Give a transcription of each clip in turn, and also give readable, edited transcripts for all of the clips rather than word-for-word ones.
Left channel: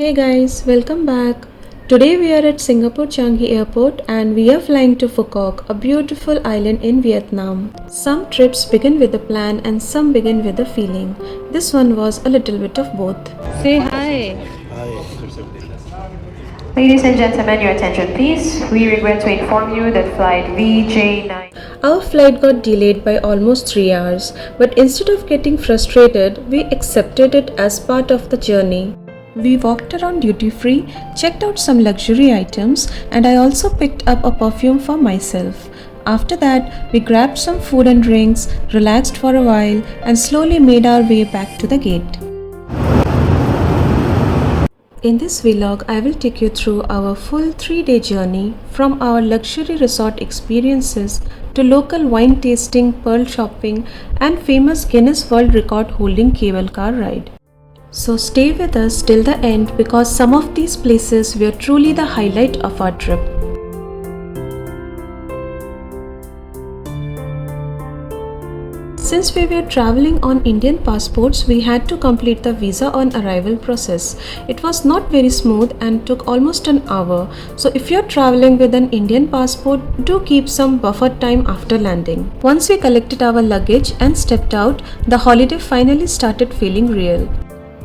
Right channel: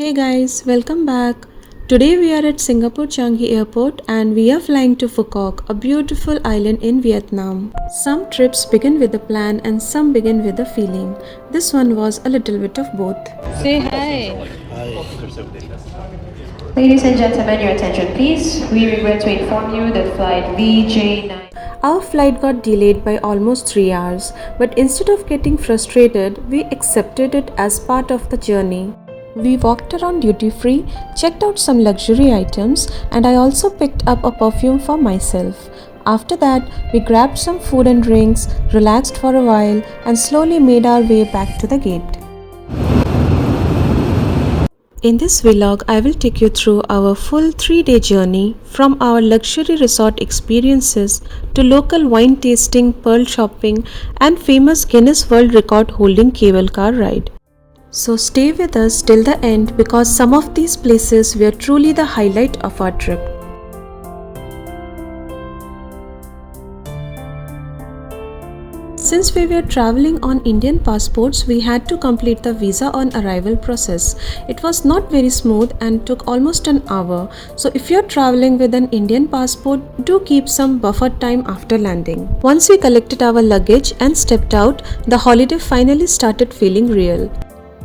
Hey guys, welcome back. Today we are at Singapore Changi Airport and we are flying to Phu Quoc, a beautiful island in Vietnam. Some trips begin with a plan and some begin with a feeling. This one was a little bit of both. Say hi. Ladies and gentlemen, your attention please. We regret to inform you that flight VJ9. Our flight got delayed by almost 3 hours, but instead of getting frustrated, we accepted it as part of the journey. We walked around duty free, checked out some luxury items, and I also picked up a perfume for myself. After that, we grabbed some food and drinks, relaxed for a while, and slowly made our way back to the gate. In this vlog, I will take you through our full 3-day journey from our luxury resort experiences to local wine tasting, pearl shopping, and famous Guinness World Record holding cable car ride. So stay with us till the end because some of these places were truly the highlight of our trip. Since we were traveling on Indian passports, we had to complete the visa on arrival process. It was not very smooth and took almost an hour. So if you're traveling with an Indian passport, do keep some buffer time after landing. Once we collected our luggage and stepped out, the holiday finally started feeling real.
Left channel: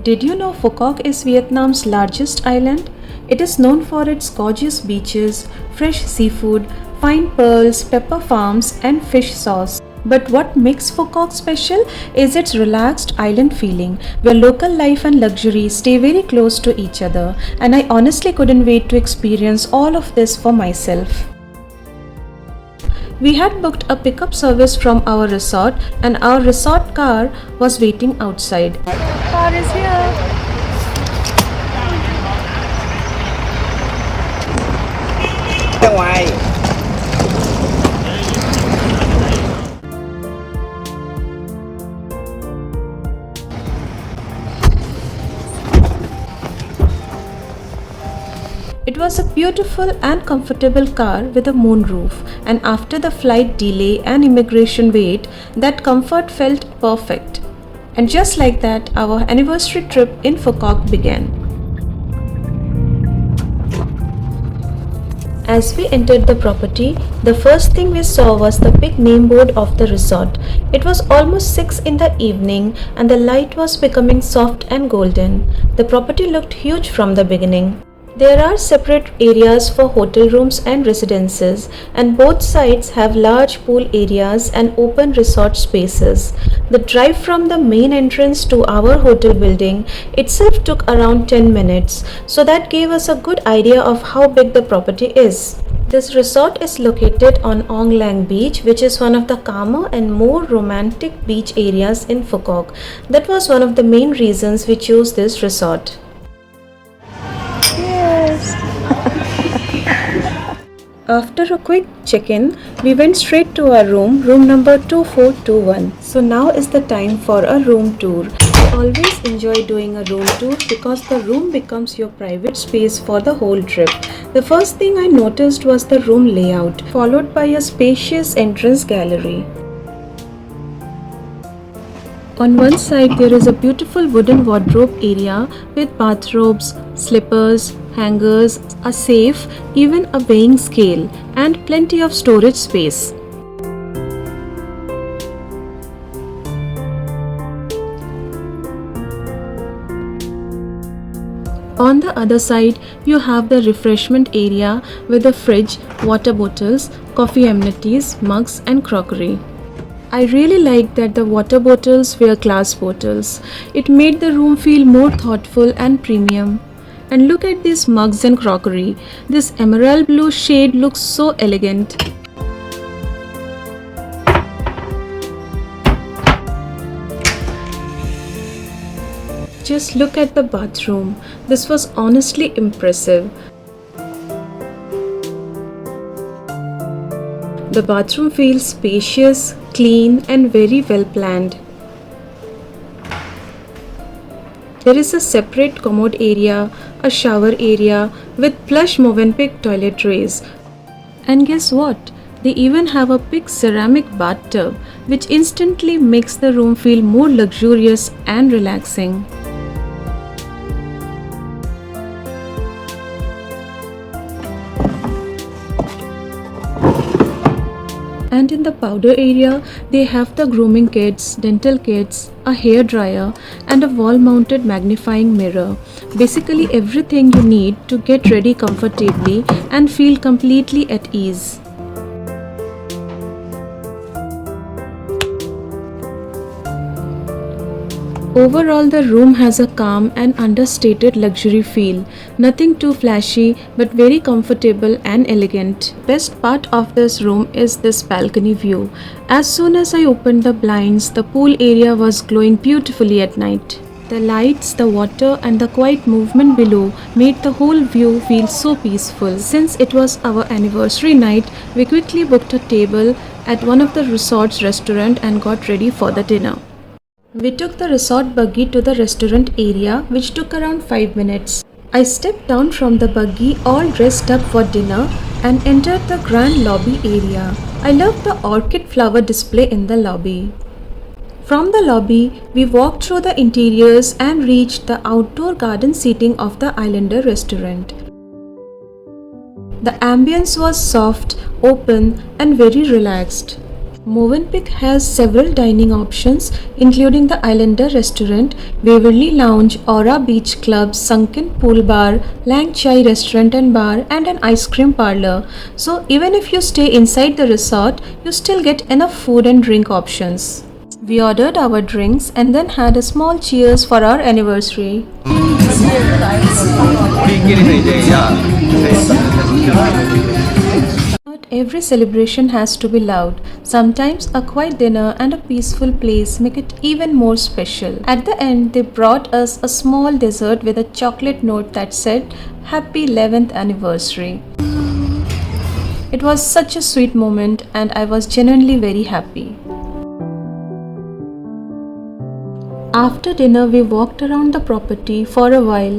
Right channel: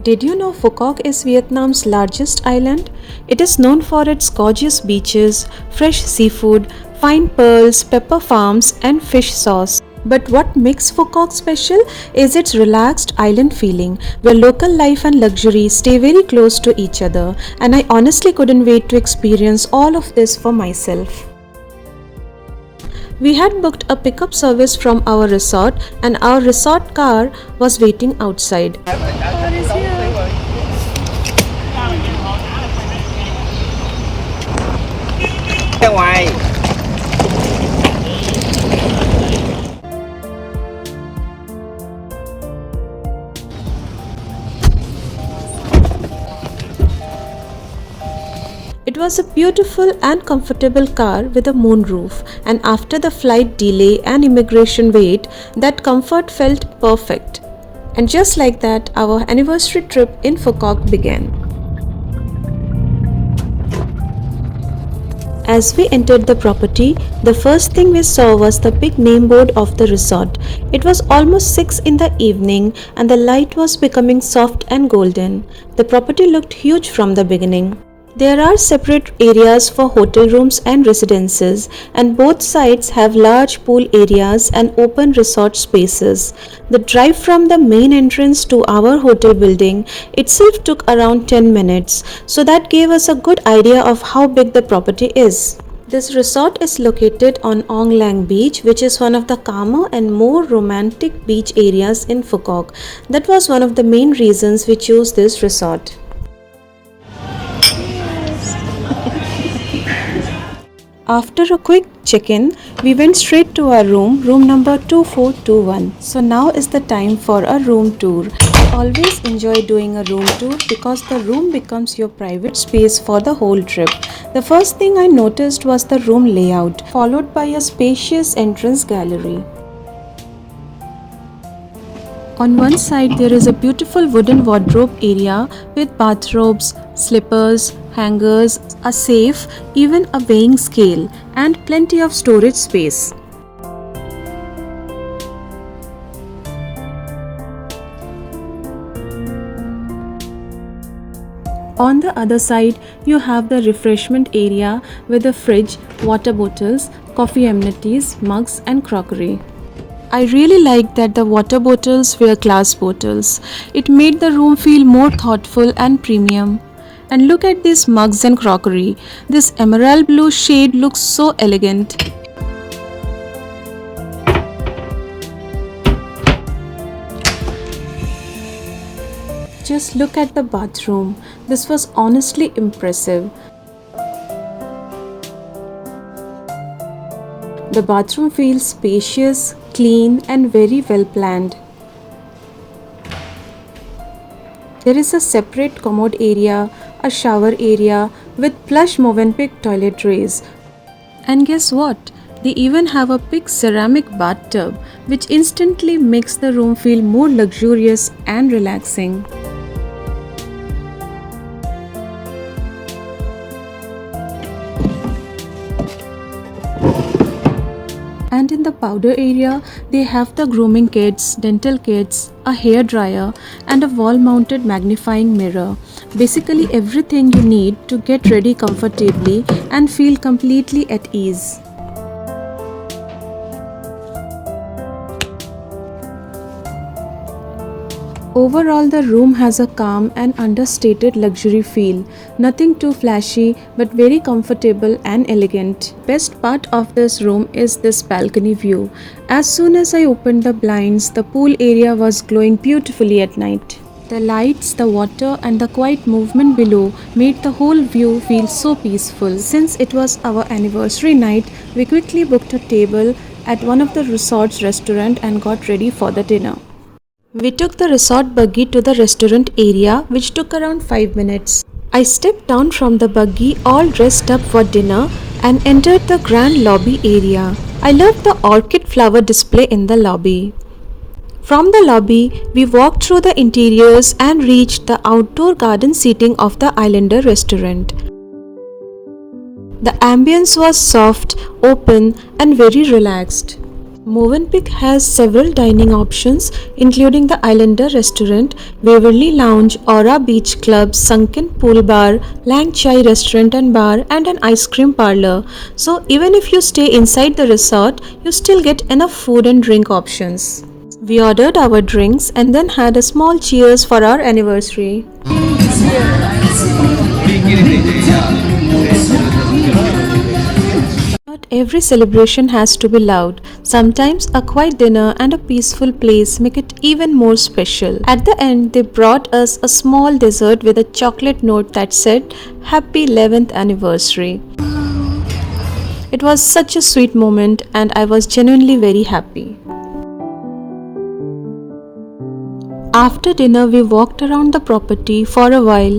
Did you know Phu Quoc is Vietnam's largest island? It is known for its gorgeous beaches, fresh seafood, fine pearls, pepper farms, and fish sauce. But what makes Phu Quoc special is its relaxed island feeling, where local life and luxury stay very close to each other, and I honestly couldn't wait to experience all of this for myself. We had booked a pickup service from our resort, and our resort car was waiting outside. Car is here. Getaway. It was a beautiful and comfortable car with a moonroof, and after the flight delay and immigration wait, that comfort felt perfect. And just like that, our anniversary trip in Phu Quoc began. As we entered the property, the first thing we saw was the big name board of the resort. It was almost 6 in the evening and the light was becoming soft and golden. The property looked huge from the beginning. There are separate areas for hotel rooms and residences, and both sides have large pool areas and open resort spaces. The drive from the main entrance to our hotel building itself took around 10 minutes, so that gave us a good idea of how big the property is. This resort is located on Ong Lang Beach, which is one of the calmer and more romantic beach areas in Phu Quoc. That was one of the main reasons we chose this resort. After a quick check-in, we went straight to our room number 2421. So now is the time for a room tour. I always enjoy doing a room tour because the room becomes your private space for the whole trip. The first thing I noticed was the room layout, followed by a spacious entrance gallery. On one side, there is a beautiful wooden wardrobe area with bathrobes, slippers, hangers, a safe, even a weighing scale, and plenty of storage space. On the other side, you have the refreshment area with a fridge, water bottles, coffee amenities, mugs, and crockery. I really liked that the water bottles were glass bottles. It made the room feel more thoughtful and premium. And look at these mugs and crockery. This emerald blue shade looks so elegant. Just look at the bathroom. This was honestly impressive. The bathroom feels spacious, clean, and very well planned. There is a separate commode area, a shower area with plush Movenpick toiletries. And guess what? They even have a big ceramic bathtub, which instantly makes the room feel more luxurious and relaxing. And in the powder area, they have the grooming kits, dental kits, a hair dryer, and a wall mounted magnifying mirror. Basically, everything you need to get ready comfortably and feel completely at ease. Overall, the room has a calm and understated luxury feel. Nothing too flashy, but very comfortable and elegant. Best part of this room is this balcony view. As soon as I opened the blinds, the pool area was glowing beautifully at night. The lights, the water, and the quiet movement below made the whole view feel so peaceful. Since it was our anniversary night, we quickly booked a table at one of the resort's restaurant and got ready for the dinner. We took the resort buggy to the restaurant area, which took around 5 minutes. I stepped down from the buggy all dressed up for dinner and entered the grand lobby area. I loved the orchid flower display in the lobby. From the lobby, we walked through the interiors and reached the outdoor garden seating of the Islander restaurant. The ambience was soft, open, and very relaxed. Movenpick has several dining options, including the Islander Restaurant, Waverly Lounge, Aura Beach Club, Sunken Pool Bar, Lang Chai Restaurant and Bar, and an ice cream parlor. So, even if you stay inside the resort, you still get enough food and drink options. We ordered our drinks and then had a small cheers for our anniversary. Not every celebration has to be loud. Sometimes a quiet dinner and a peaceful place make it even more special. At the end, they brought us a small dessert with a chocolate note that said, "Happy 11th anniversary." It was such a sweet moment and I was genuinely very happy. After dinner, we walked around the property for a while,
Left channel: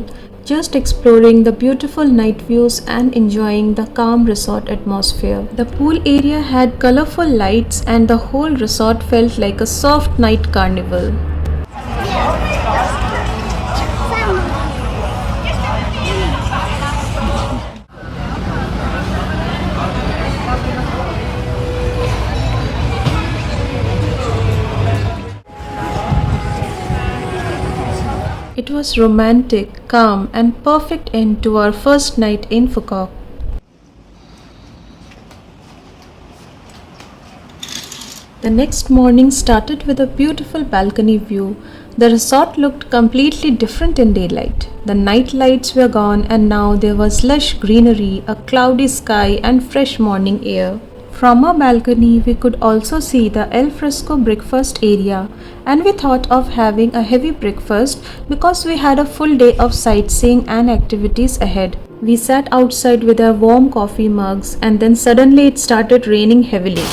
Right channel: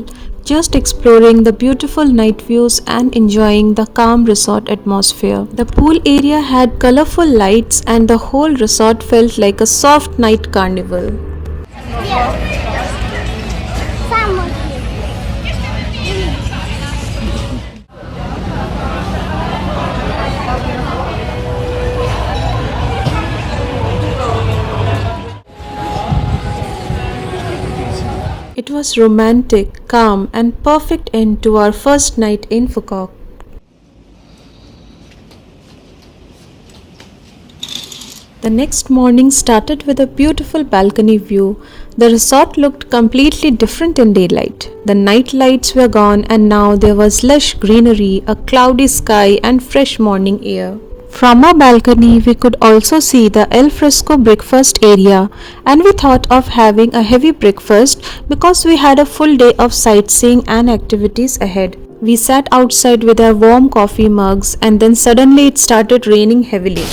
just exploring the beautiful night views and enjoying the calm resort atmosphere. The pool area had colorful lights and the whole resort felt like a soft night carnival. It was romantic, calm, and perfect end to our first night in Phu Quoc. The next morning started with a beautiful balcony view. The resort looked completely different in daylight. The night lights were gone and now there was lush greenery, a cloudy sky, and fresh morning air. From our balcony, we could also see the al fresco breakfast area, and we thought of having a heavy breakfast because we had a full day of sightseeing and activities ahead. We sat outside with our warm coffee mugs, and then suddenly it started raining heavily.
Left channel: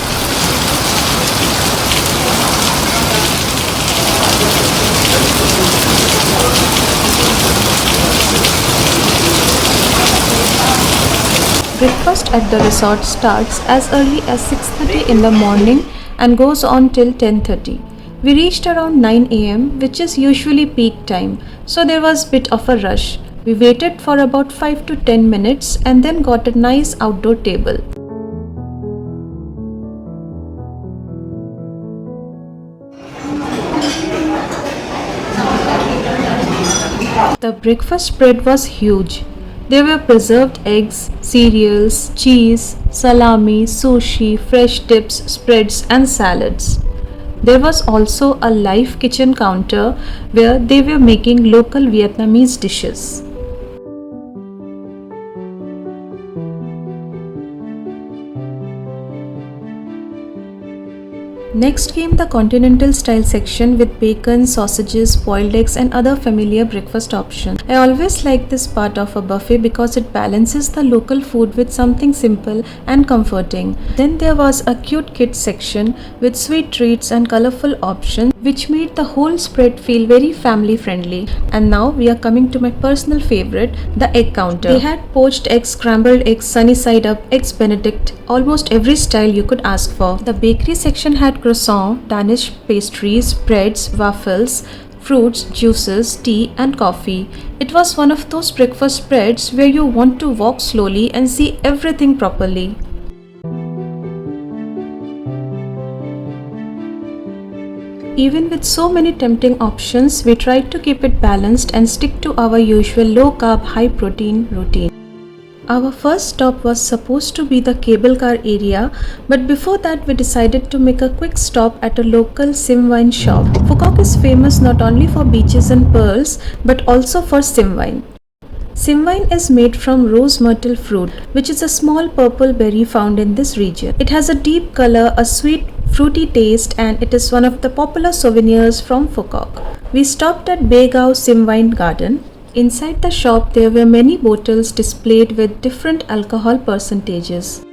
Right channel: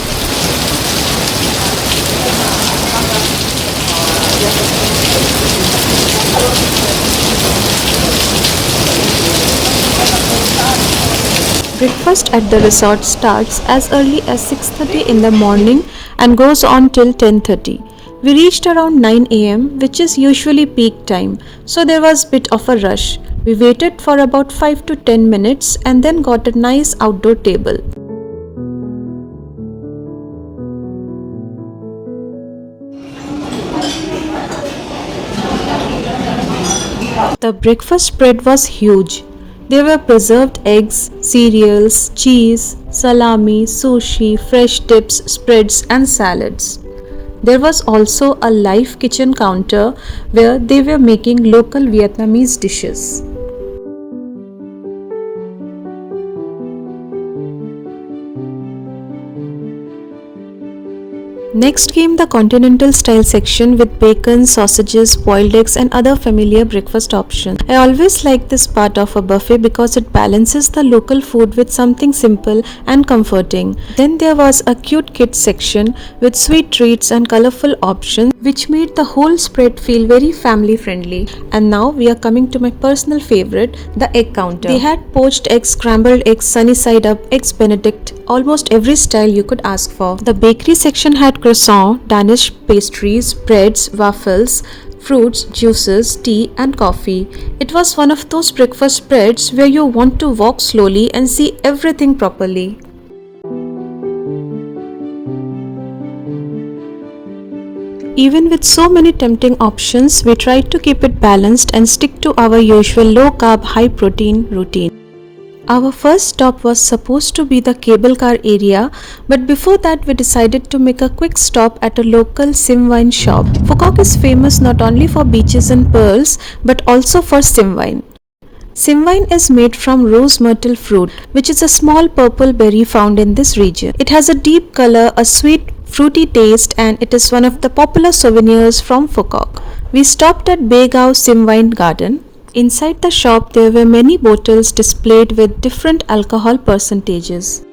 Breakfast at the resort starts as early as 6:30 in the morning and goes on till 10:30. We reached around 9 am, which is usually peak time, so there was a bit of a rush. We waited for about 5 to 10 minutes and then got a nice outdoor table. The breakfast spread was huge. There were preserved eggs, cereals, cheese, salami, sushi, fresh dips, spreads, and salads. There was also a live kitchen counter where they were making local Vietnamese dishes. Next came the continental style section with bacon, sausages, boiled eggs and other familiar breakfast options. I always like this part of a buffet because it balances the local food with something simple and comforting. Then there was a cute kids section with sweet treats and colorful options which made the whole spread feel very family friendly. And now we are coming to my personal favorite, the egg counter. They had poached eggs, scrambled eggs, sunny side up, eggs benedict, almost every style you could ask for. The bakery section had croissant, Danish pastries, breads, waffles, fruits, juices, tea and coffee. It was one of those breakfast spreads where you want to walk slowly and see everything properly. Even with so many tempting options, we tried to keep it balanced and stick to our usual low-carb, high-protein routine. Our first stop was supposed to be the cable car area, but before that we decided to make a quick stop at a local sim wine shop. Phu Quoc is famous not only for beaches and pearls, but also for sim wine. Sim wine is made from rose myrtle fruit, which is a small purple berry found in this region. It has a deep color, a sweet, fruity taste, and it is one of the popular souvenirs from Phu Quoc. We stopped at Begao Sim Wine Garden. Inside the shop, there were many bottles displayed with different alcohol percentages.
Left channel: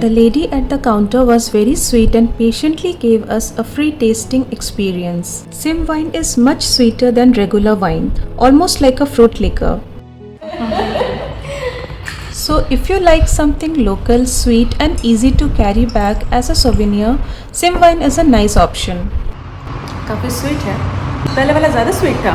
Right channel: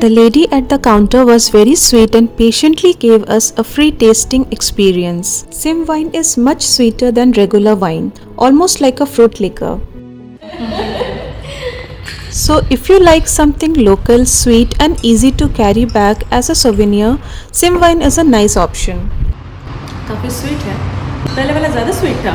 The lady at the counter was very sweet and patiently gave us a free tasting experience. Sim wine is much sweeter than regular wine, almost like a fruit liquor. So if you like something local, sweet and easy to carry back as a souvenir, sim wine is a nice option. काफी sweet है. पहले वाला ज़्यादा sweet था.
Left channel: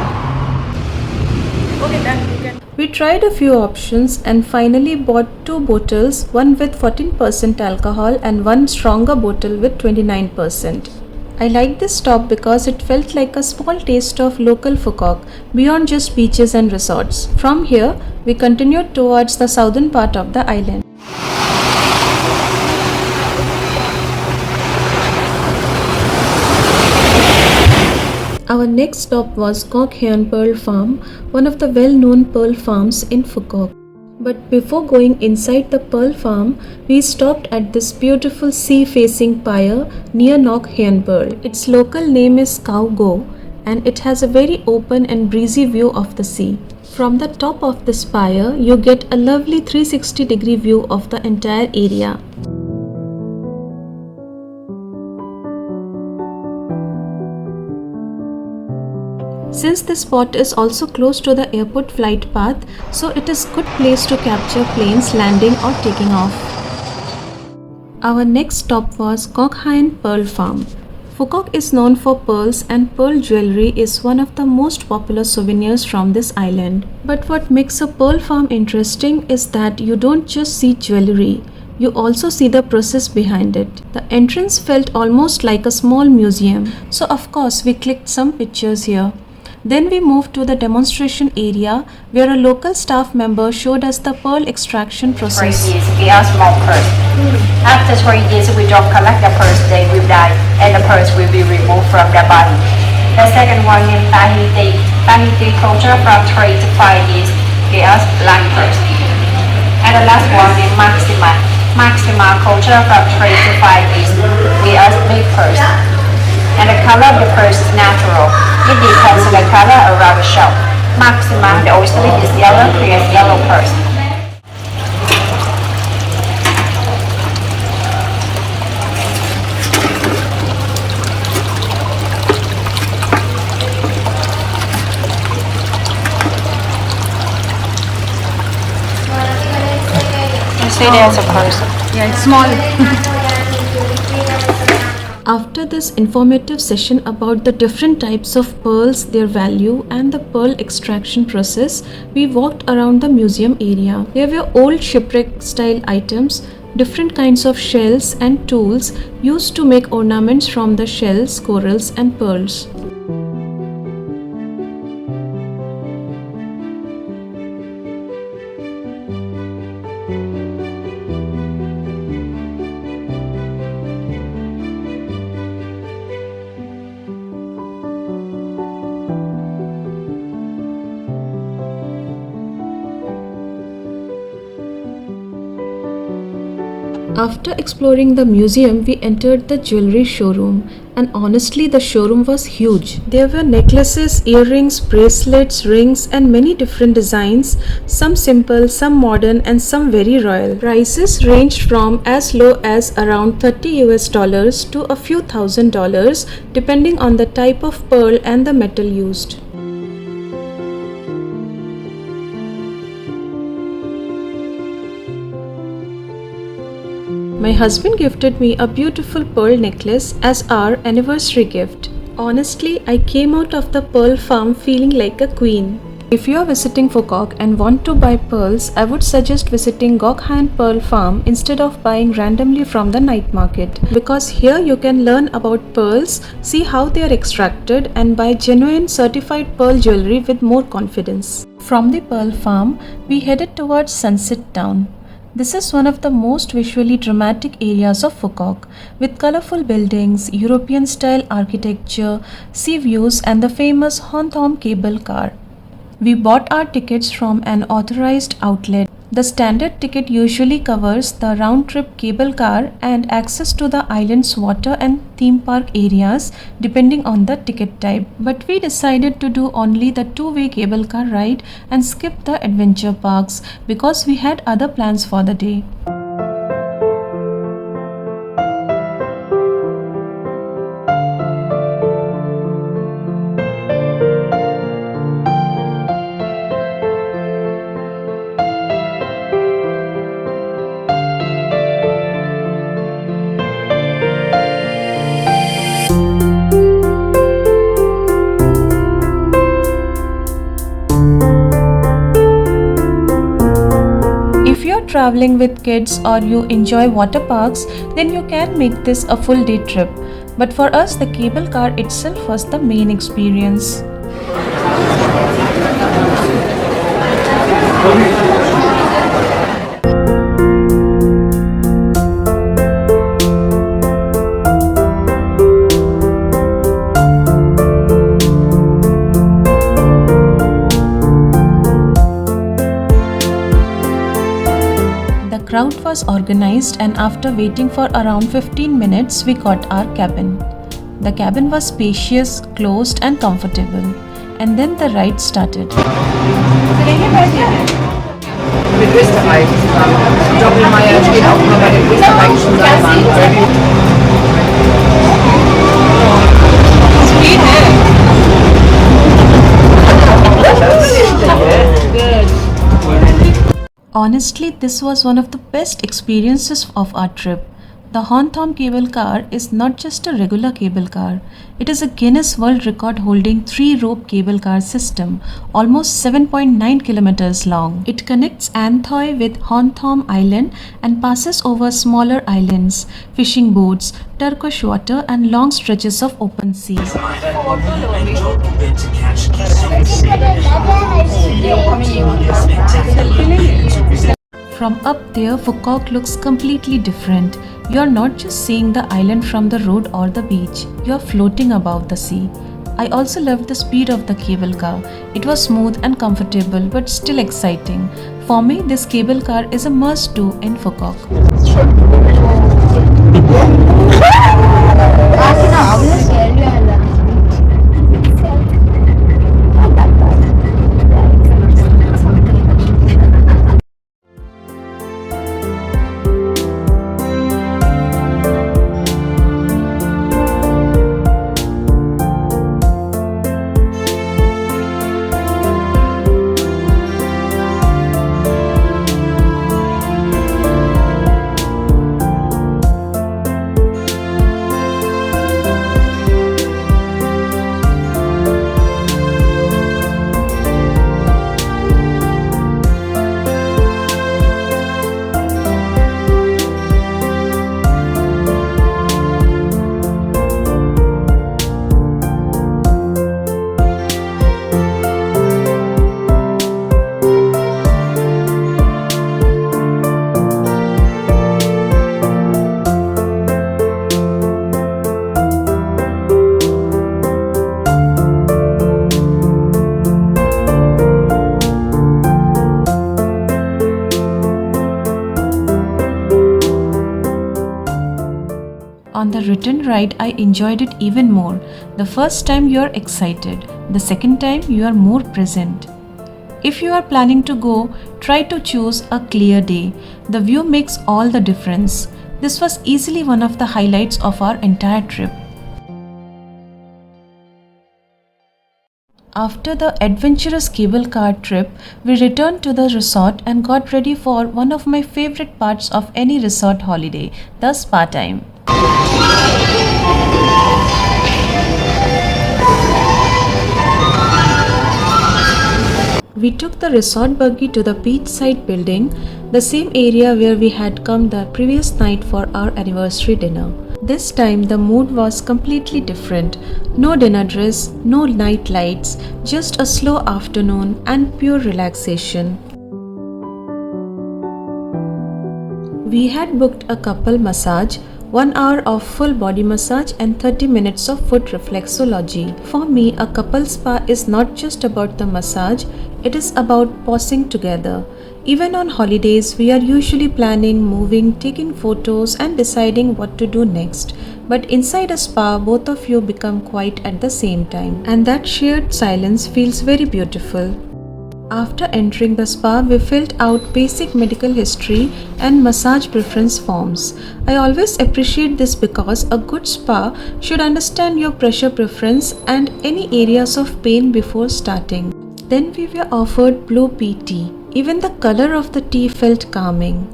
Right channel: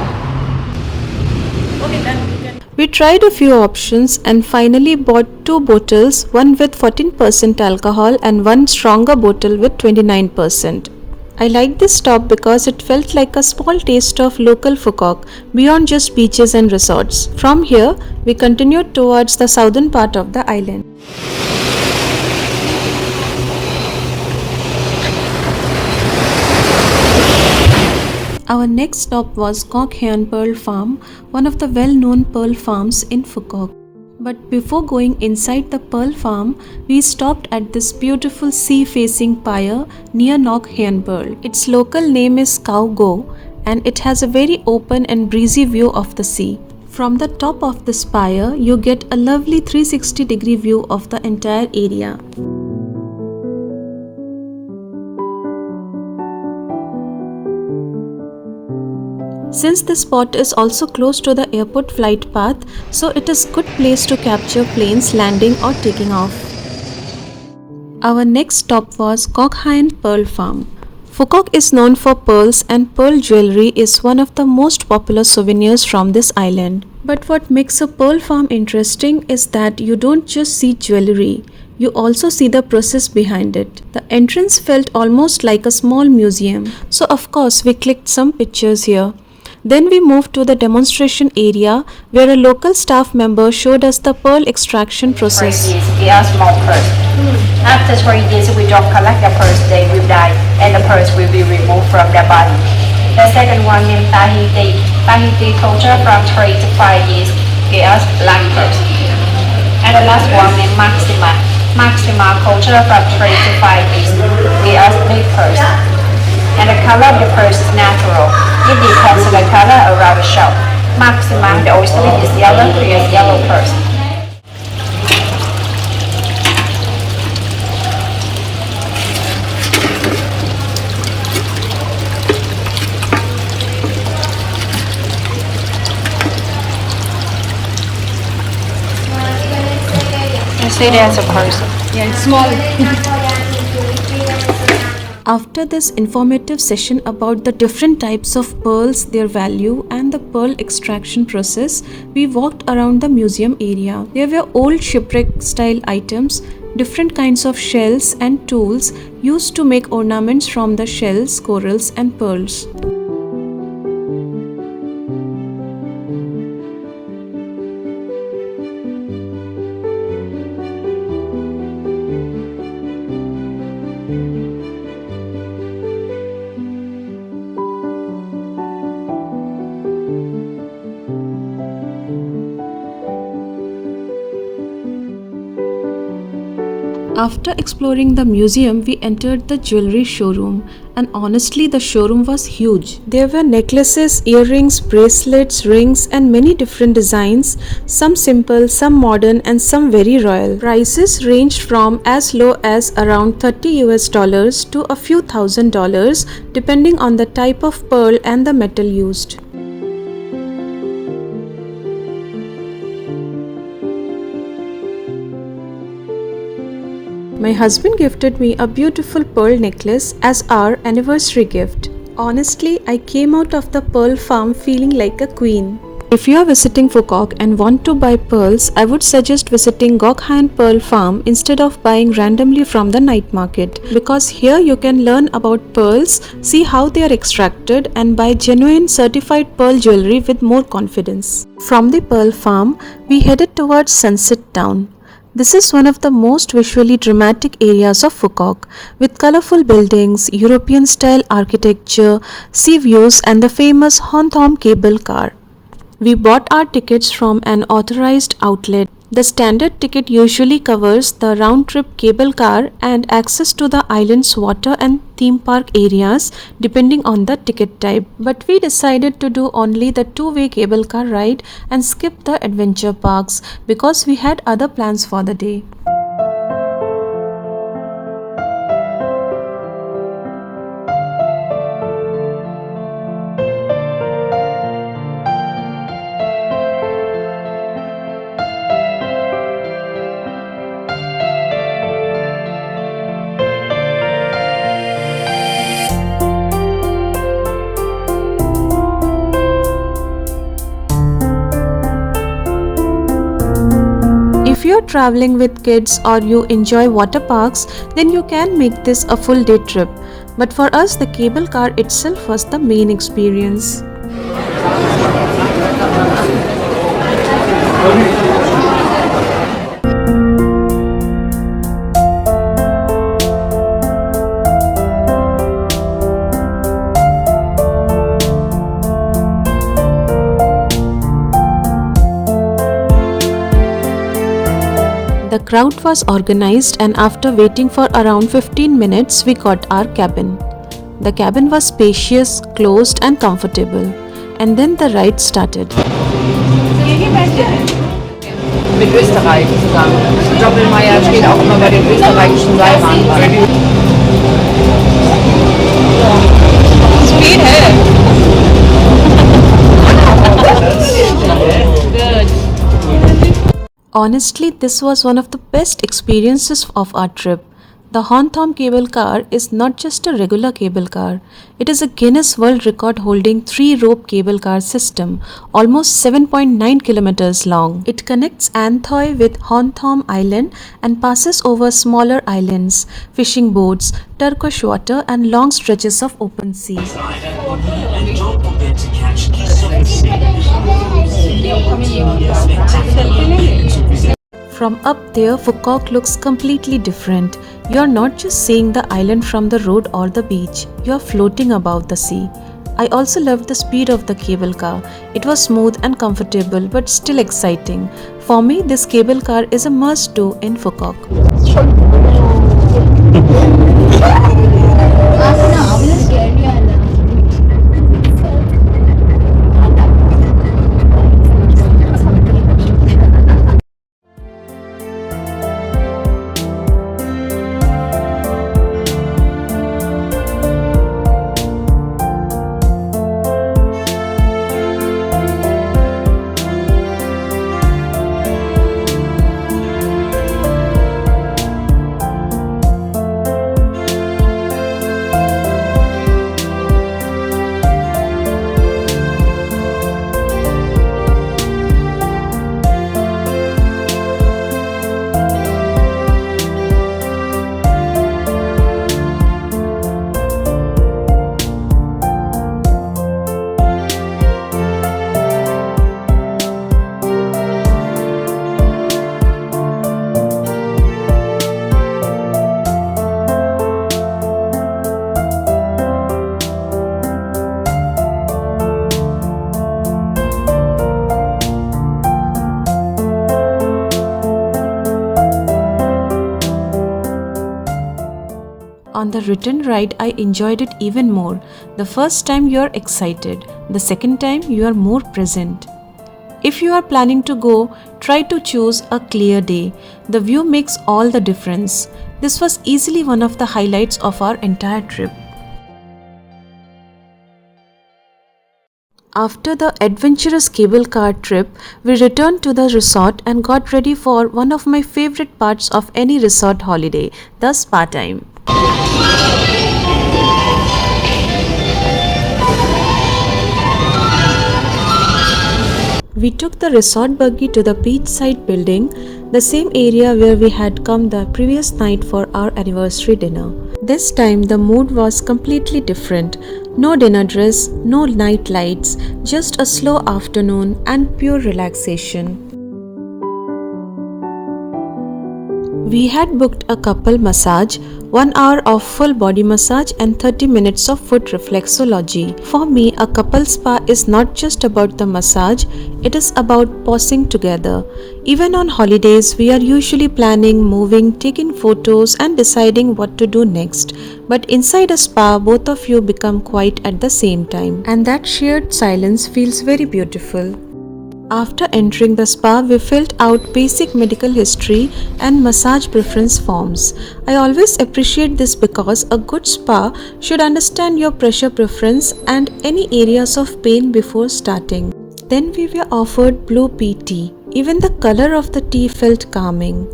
Okay, done. You can. We tried a few options and finally bought 2 bottles, one with 14% alcohol and one stronger bottle with 29%. I liked this stop because it felt like a small taste of local Phu Quoc beyond just beaches and resorts. From here, we continued towards the southern part of the island. Our next stop was Ngoc Hien Pearl Farm, one of the well-known pearl farms in Phu Quoc. But before going inside the pearl farm, we stopped at this beautiful sea-facing pier near Ngoc Hien Pearl. Its local name is Khao Go, and it has a very open and breezy view of the sea. From the top of this pier, you get a lovely 360-degree view of the entire area. Since this spot is also close to the airport flight path, so it is a good place to capture planes landing or taking off. Our next stop was Ngoc Hien Pearl Farm. Phu Quoc is known for pearls, and pearl jewelry is one of the most popular souvenirs from this island. But what makes a pearl farm interesting is that you don't just see jewelry, you also see the process behind it. The entrance felt almost like a small museum, so of course we clicked some pictures here. Then we moved to the demonstration area where a local staff member showed us the pearl extraction process. 3 years, we are small pearls. After 3 years, we don't collect the pearls, they will die, and the pearls will be removed from their body. The second one named Tahiti culture from 3 to 5 years, we are black pearls. And the last one named Maxima culture from 3 to 5 years, we are big pearls. And the color of the pearls is natural. It depends on the color around the shell. Maxima, the oyster is yellow, creates yellow pearls. You see there's a pearl. Yeah, it's small. After this informative session about the different types of pearls, their value and the pearl extraction process, we walked around the museum area. There were old shipwreck style items, different kinds of shells and tools used to make ornaments from the shells, corals and pearls. After exploring the museum, we entered the jewelry showroom, and honestly the showroom was huge. There were necklaces, earrings, bracelets, rings and many different designs, some simple, some modern and some very royal. Prices ranged from as low as around $30 to a few $1,000 depending on the type of pearl and the metal used. My husband gifted me a beautiful pearl necklace as our anniversary gift. Honestly, I came out of the pearl farm feeling like a queen. If you are visiting Phu Quoc and want to buy pearls, I would suggest visiting Ngoc Hien Pearl Farm instead of buying randomly from the night market, because here you can learn about pearls, see how they are extracted, and buy genuine certified pearl jewelry with more confidence. From the pearl farm, we headed towards Sunset Town. This is one of the most visually dramatic areas of Phu Quoc, with colorful buildings, European style architecture, sea views, and the famous Hon Thom Cable Car. We bought our tickets from an authorized outlet. The standard ticket usually covers the round-trip cable car and access to the island's water and theme park areas depending on the ticket type. But we decided to do only the two-way cable car ride and skip the adventure parks because we had other plans for the day. If you're traveling with kids or you enjoy water parks, then you can make this a full day trip. But for us, the cable car itself was the main experience. The crowd was organized, and after waiting for around 15 minutes, we got our cabin. The cabin was spacious, closed and comfortable. And then the ride started. Mit Österreich zusammen. Doppelmeier steht auch immer bei den österreichischen Seilbahnen. Honestly, this was one of the best experiences of our trip. The Hon Thom Cable Car is not just a regular cable car. It is a Guinness World Record holding 3-rope cable car system, almost 7.9 kilometers long. It connects Anthoy with Hon Thom Island and passes over smaller islands, fishing boats, turquoise water and long stretches of open sea. From up there, Phu Quoc looks completely different. You're not just seeing the island from the road or the beach, you're floating above the sea. I also loved the speed of the cable car. It was smooth and comfortable but still exciting. For me, this cable car is a must-do in Phu Quoc. On the return ride, I enjoyed it even more. The first time you are excited, the second time you are more present. If you are planning to go, try to choose a clear day. The view makes all the difference. This was easily one of the highlights of our entire trip. After the adventurous cable car trip, we returned to the resort and got ready for one of my favorite parts of any resort holiday, the spa time. We took the resort buggy to the beachside building, the same area where we had come the previous night for our anniversary dinner. This time the mood was completely different. No dinner dress, no night lights, just a slow afternoon and pure relaxation. We had booked a couple massage, 1 hour of full body massage and 30 minutes of foot reflexology. For me, a couple spa is not just about the massage, it is about pausing together. Even on holidays, we are usually planning, moving, taking photos and deciding what to do next. But inside a spa, both of you become quiet at the same time. And that shared silence feels very beautiful. After entering the spa, we filled out basic medical history and massage preference forms. I always appreciate this because a good spa should understand your pressure preference and any areas of pain before starting. Then we were offered blue pea tea. Even the color of the tea felt calming.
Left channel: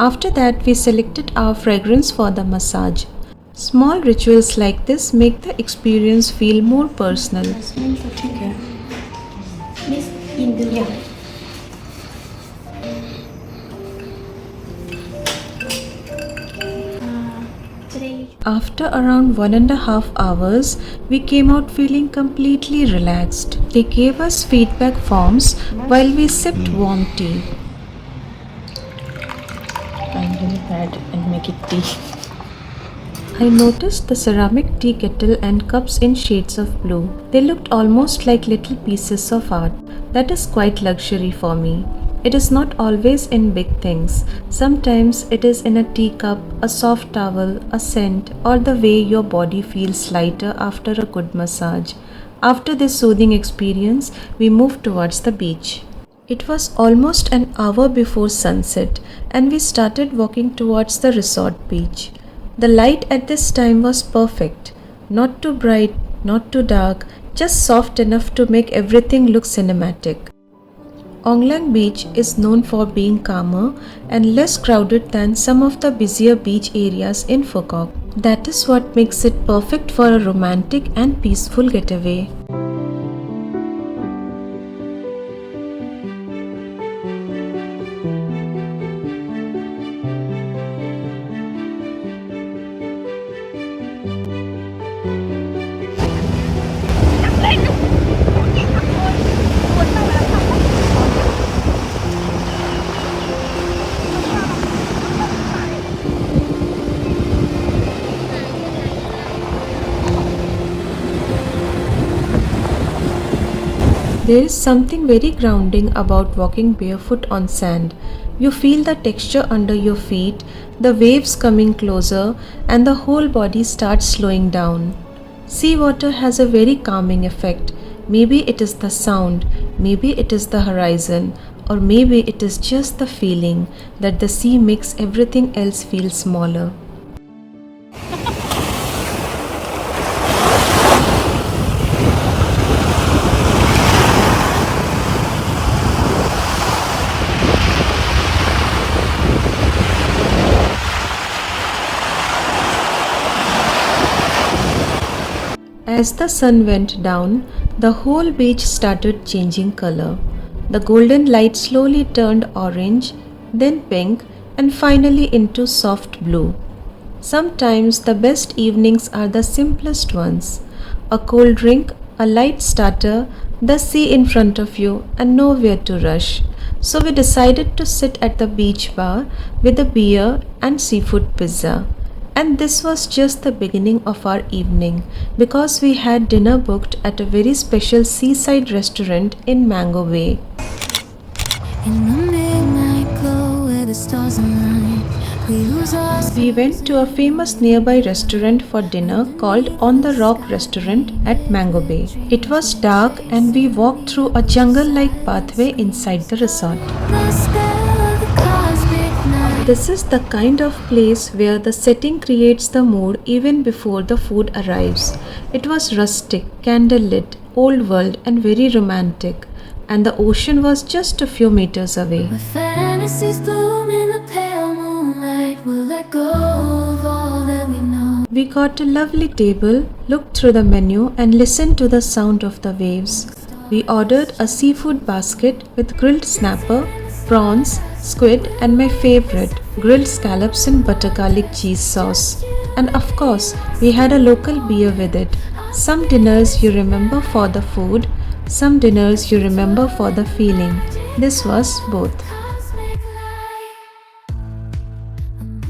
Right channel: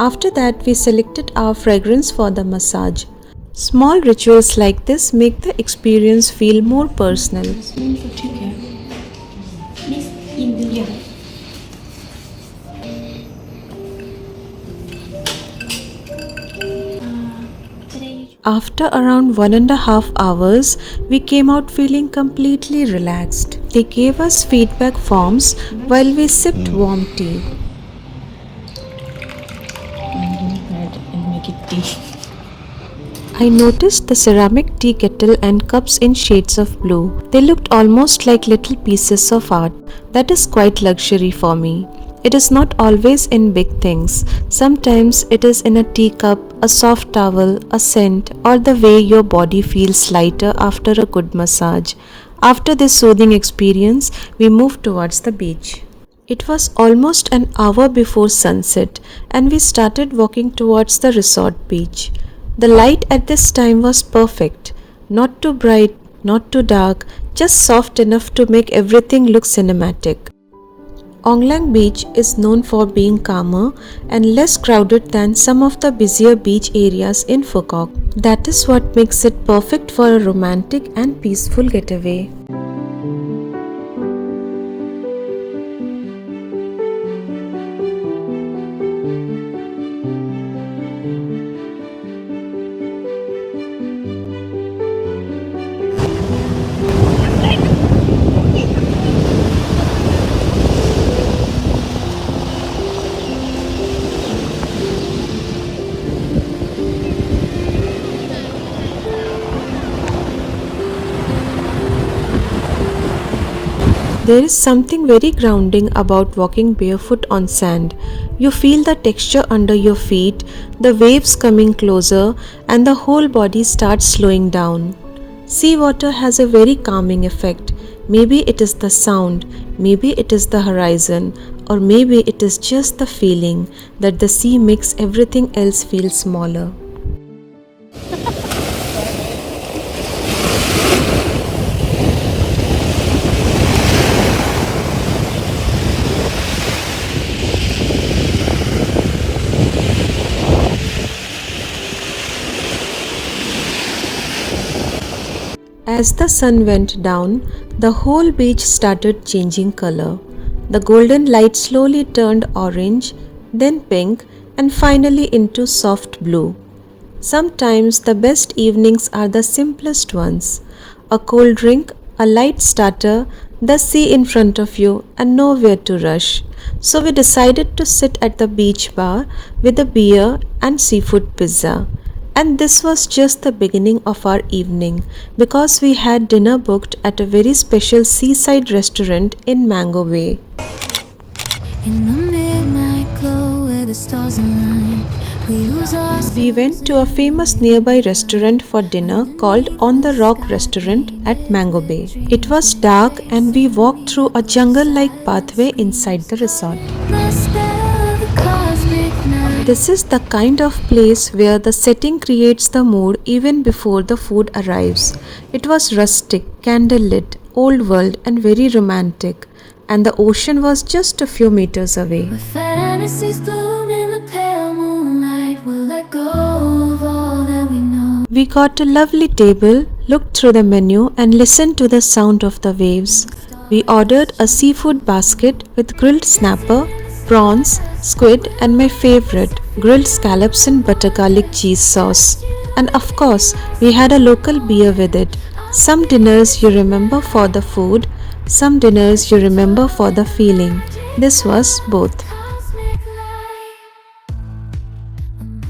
After that, we selected our fragrance for the massage. Small rituals like this make the experience feel more personal. After around 1.5 hours, we came out feeling completely relaxed. They gave us feedback forms while we sipped warm tea. I noticed the ceramic tea kettle and cups in shades of blue. They looked almost like little pieces of art. That is quite luxury for me. It is not always in big things. Sometimes it is in a teacup, a soft towel, a scent, or the way your body feels lighter after a good massage. After this soothing experience, we moved towards the beach. It was almost an hour before sunset, and we started walking towards the resort beach. The light at this time was perfect. Not too bright, not too dark, just soft enough to make everything look cinematic. Onglang Beach is known for being calmer and less crowded than some of the busier beach areas in Phu Quoc. That is what makes it perfect for a romantic and peaceful getaway. There is something very grounding about walking barefoot on sand. You feel the texture under your feet, the waves coming closer, and the whole body starts slowing down. Seawater has a very calming effect. Maybe it is the sound, maybe it is the horizon, or maybe it is just the feeling that the sea makes everything else feel smaller. As the sun went down, the whole beach started changing color. The golden light slowly turned orange, then pink, and finally into soft blue. Sometimes the best evenings are the simplest ones. A cold drink, a light starter, the sea in front of you, and nowhere to rush. So we decided to sit at the beach bar with a beer and seafood pizza. And this was just the beginning of our evening because we had dinner booked at a very special seaside restaurant in Mango Bay. In the midnight glow where the stars align, We went to a famous nearby restaurant for dinner called On the Rock Restaurant at Mango Bay. It was dark and we walked through a jungle-like pathway inside the resort. the spell of the cosmic night. This is the kind of place where the setting creates the mood even before the food arrives. It was rustic, candlelit, old world and very romantic. And the ocean was just a few meters away. Where fantasies bloom in the pale moonlight, we'll let go of all that we know. We got a lovely table, looked through the menu and listened to the sound of the waves. We ordered a seafood basket with grilled snapper, prawns, squid, and my favorite, grilled scallops in butter garlic cheese sauce. And of course, we had a local beer with it. Some dinners you remember for the food, some dinners you remember for the feeling. This was both. Cosmic light,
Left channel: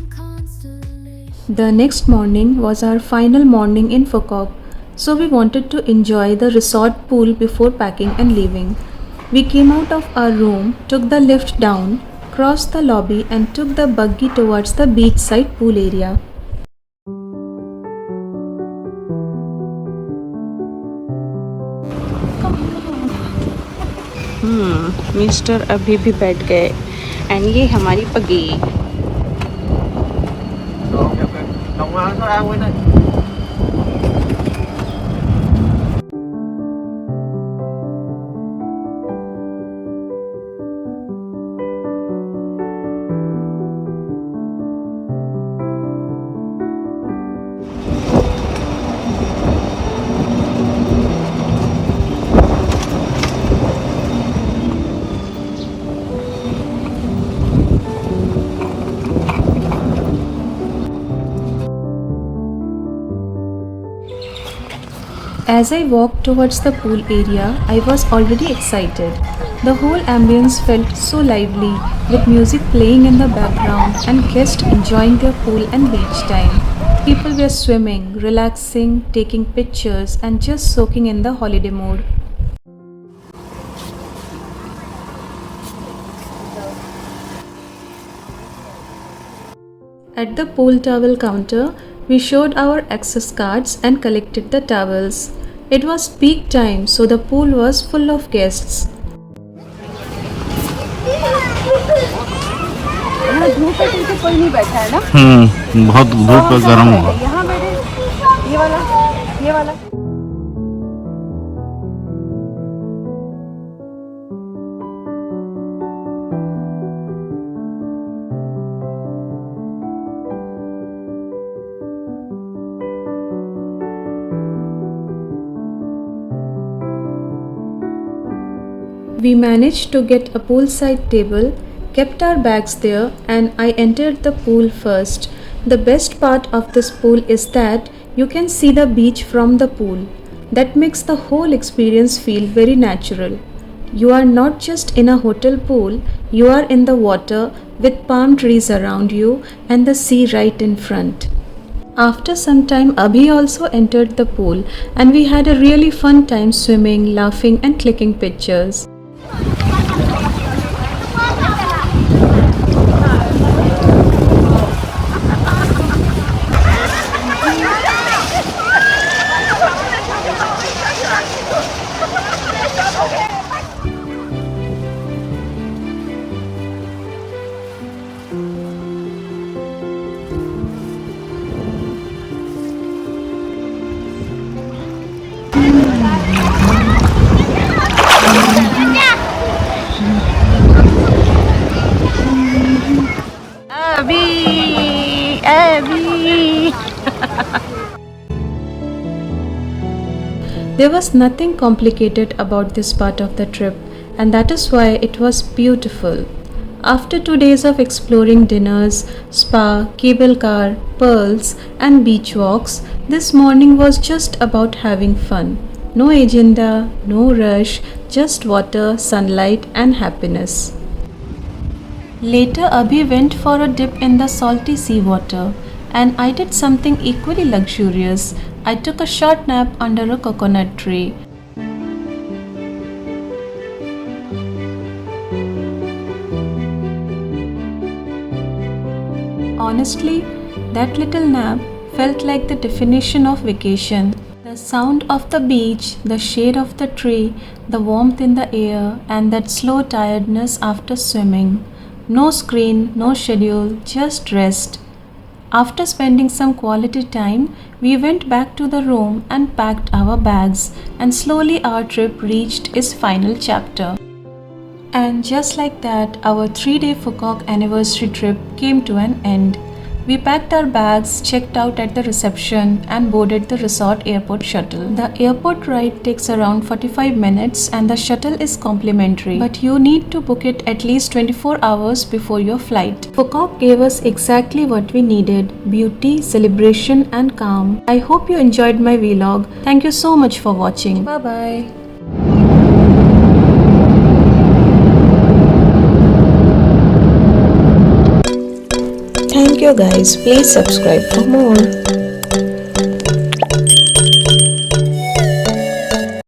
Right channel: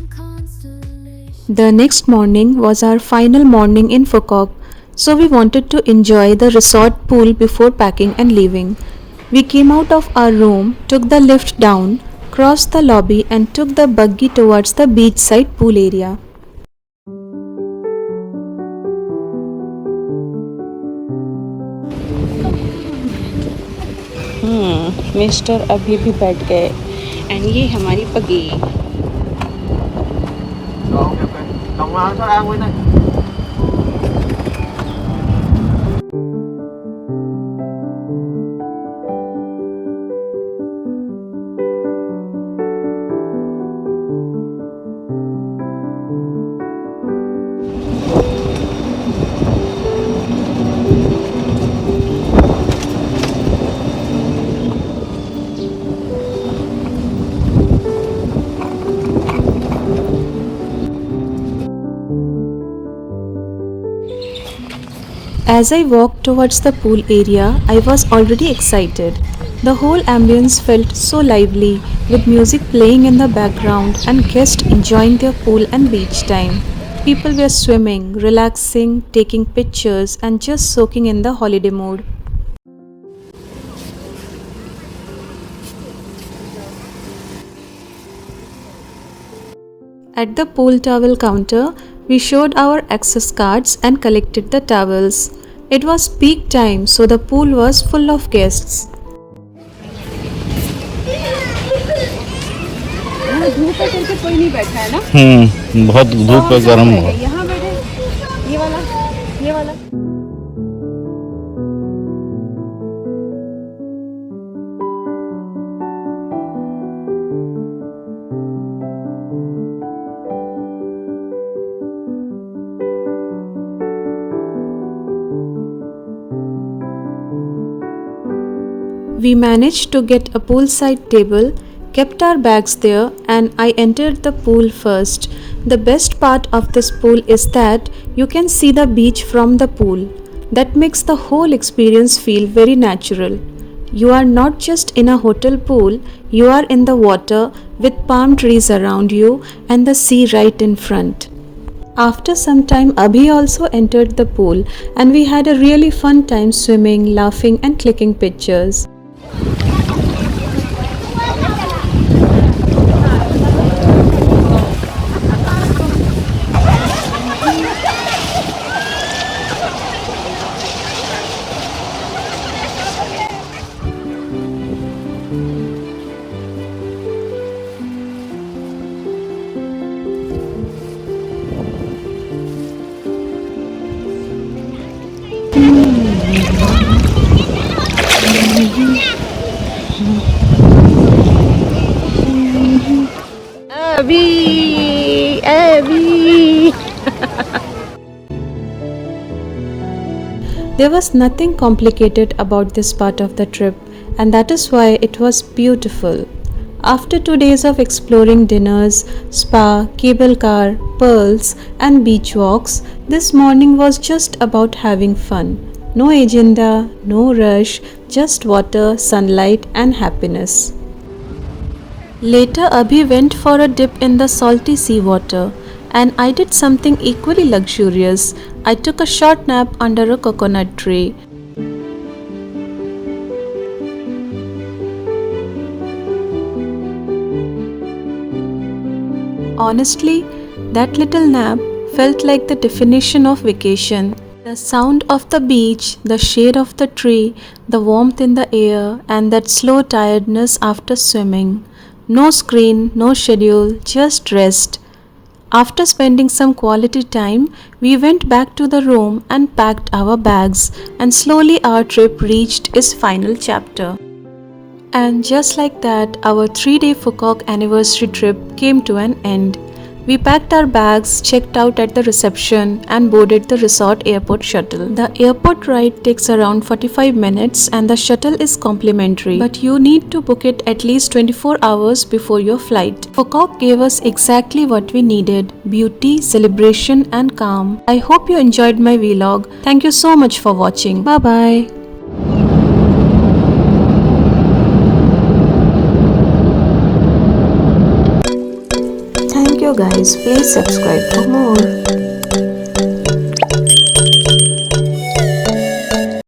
constellation. The next morning was our final morning in Phu Quoc, so we wanted to enjoy the resort pool before packing and leaving. We came out of our room, took the lift down, crossed the lobby, and took the buggy towards the beachside pool area. Mister अभी भी बैठ गए and ये हमारी पगी As I walked towards the pool area, I was already excited. The whole ambience felt so lively, with music playing in the background and guests enjoying their pool and beach time. People were swimming, relaxing, taking pictures, and just soaking in the holiday mood. At the pool towel counter, we showed our access cards and collected the towels. It was peak time, so the pool was full of guests. यहाँ धूप है तो कोई नहीं बैठा है ना बहुत धूप है गर्म है यहाँ बैठे ये वाला We managed to get a poolside table, kept our bags there, and I entered the pool first. The best part of this pool is that you can see the beach from the pool. That makes the whole experience feel very natural. You are not just in a hotel pool, you are in the water with palm trees around you and the sea right in front. After some time, Abhi also entered the pool, and we had a really fun time swimming, laughing, and clicking pictures. There was nothing complicated about this part of the trip, and that is why it was beautiful. After 2 days of exploring dinners, spa, cable car, pearls, and beach walks, this morning was just about having fun. No agenda, no rush, just water, sunlight, and happiness. Later, Abhi went for a dip in the salty seawater, and I did something equally luxurious. I took a short nap under a coconut tree. Honestly, that little nap felt like the definition of vacation. The sound of the beach, the shade of the tree, the warmth in the air, and that slow tiredness after swimming. No screen, no schedule, just rest. After spending some quality time, we went back to the room and packed our bags, and slowly our trip reached its final chapter. And just like that, our 3-day Phu Quoc anniversary trip came to an end. We packed our bags, checked out at the reception, and boarded the resort airport shuttle. The airport ride takes around 45 minutes and the shuttle is complimentary, but you need to book it at least 24 hours before your flight. Phu Quoc gave us exactly what we needed: beauty, celebration, and calm. I hope you enjoyed my vlog. Thank you so much for watching. Bye bye. Thank you guys. Please subscribe for more.